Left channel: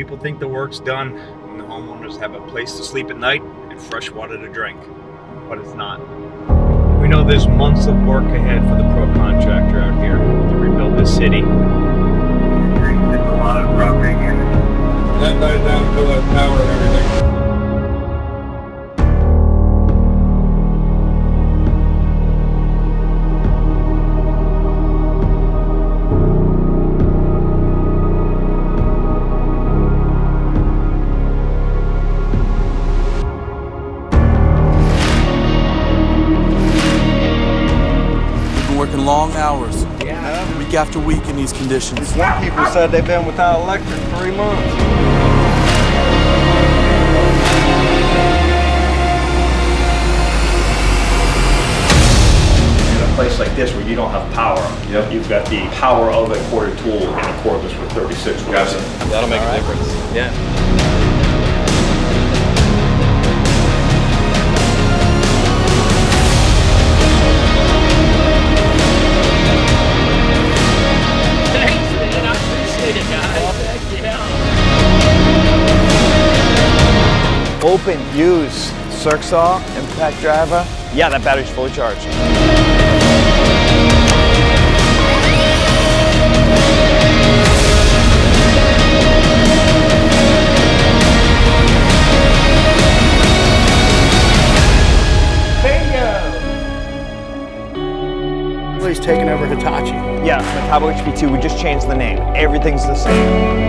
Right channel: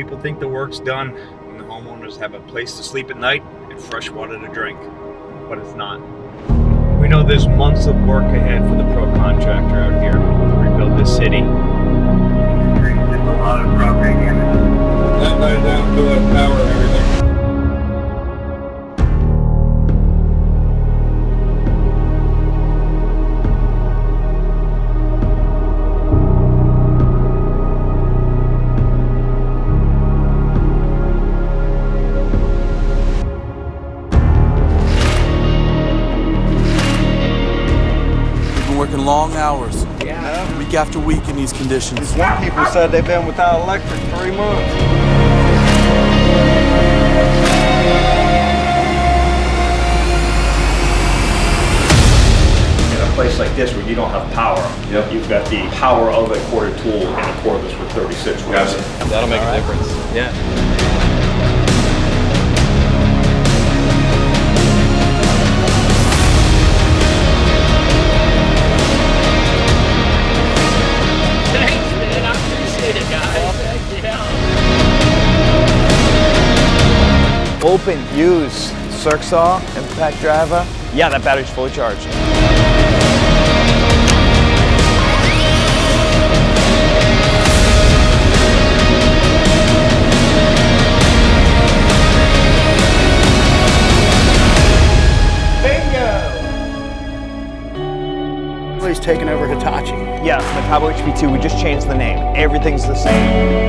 People think the work's done when the homeowners have a place to sleep at night and fresh water to drink, but it's not. We know there's months of work ahead for the pro contractor out here to rebuild this city. There's a lot of property damage. That ties down to the power and everything. Working long hours, week after week in these conditions. Some people said they've been without electric 3 months. In a place like this where you don't have power, you've got the power of a corded tool in a cordless with 36 volts. That'll make a difference. Yeah. Open, use, circ saw, impact driver. Yeah, that battery's fully charged. Bingo! He's taking over Hitachi. Yeah, Metabo HPT, we just changed the name. Everything's the same.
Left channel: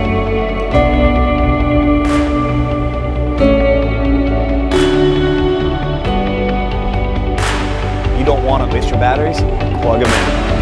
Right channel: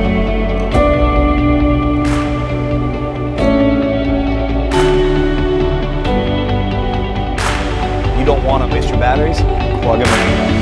You don't want to waste your batteries? Plug them in.